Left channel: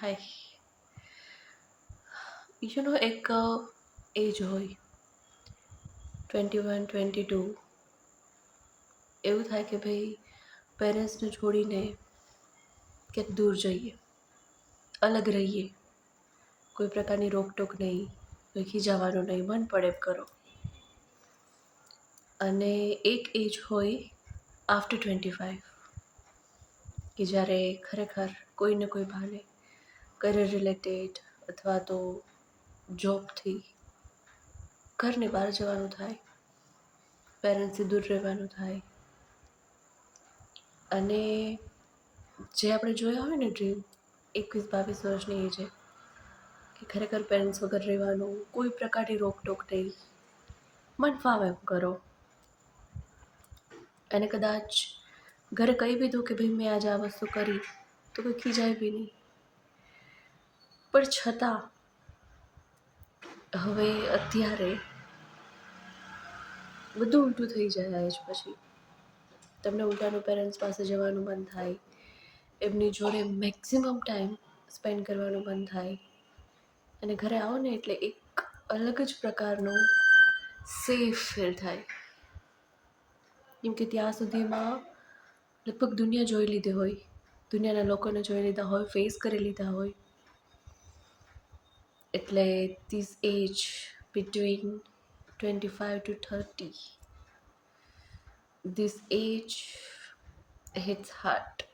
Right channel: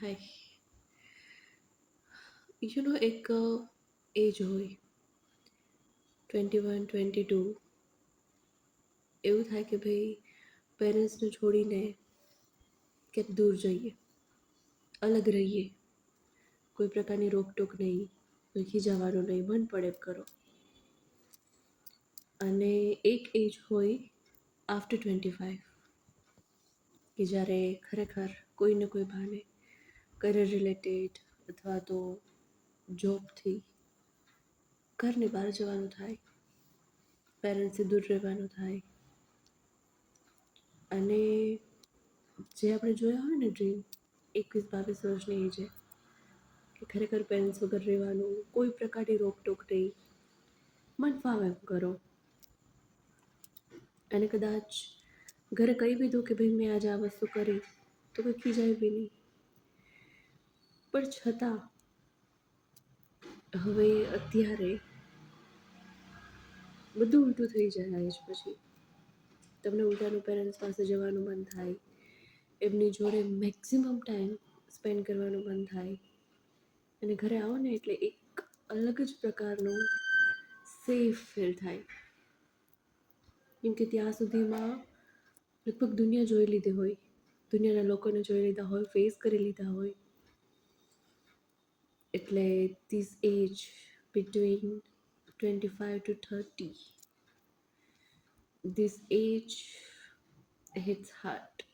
હાય. એક એજ હોય 21, 22. એવું થાય કે ભાઈ પેરેન્ટ્સને છોડીને ક્યાંક દૂર જઈએ, અલગ રહીએ, કોઈ પ્રકારની રોકટોક નહીં, કોઈ ખીજાવાનું નહીં, મન પડે એમ કરો. અને એક એજ હોય આફ્ટર 25 કે જ્યારે ખરેખર કોઈને કોઈ બહાને કરિયર રિલેટેડ અથવા તો જોબથી ઘરની બહાર જવાનું થાય, પેરેન્ટ્સથી દૂર રહેવાનું થાય. અને જે આપણે જોયા હોય ને ડ્રીમ 21-22 વર્ષની એજે કે ખરેખર પેરેન્ટ્સ વગર રહેવાનું, કોઈ પ્રકારની રોકટોક નહીં, મન ફાવે એમ કરો. અને કદાચ ઘરે કહી બી દઉં કે ભાઈ મેં આજે આ વસ્તુ કરી તો કોઈ ખીજાય બી નહીં. પણ છતાં હવે અત્યારે બધું ઉલટું થઈ જાય એજ પછી. તમને ઉલટાનું પેરેન્ટ્સ પાસે જવાનું મન થાય, એમની જોડે મેક્સિમમ ટાઈમ સ્પેન્ડ કરવાનું મન થાય. અને ઘરે આવો ને એટલે એક અલગ જ પ્રકારનું સેફ ફીલ થાય. કેમ કે ત્યાં સુધીમાં લગભગ દુનિયા જોઈ લીધી હોય, દુનિયાના લોકોને જોઈ લીધા હોય, ફેસ કરી લીધા હોય. એટલે this age between 25 to 30, this age hits hard.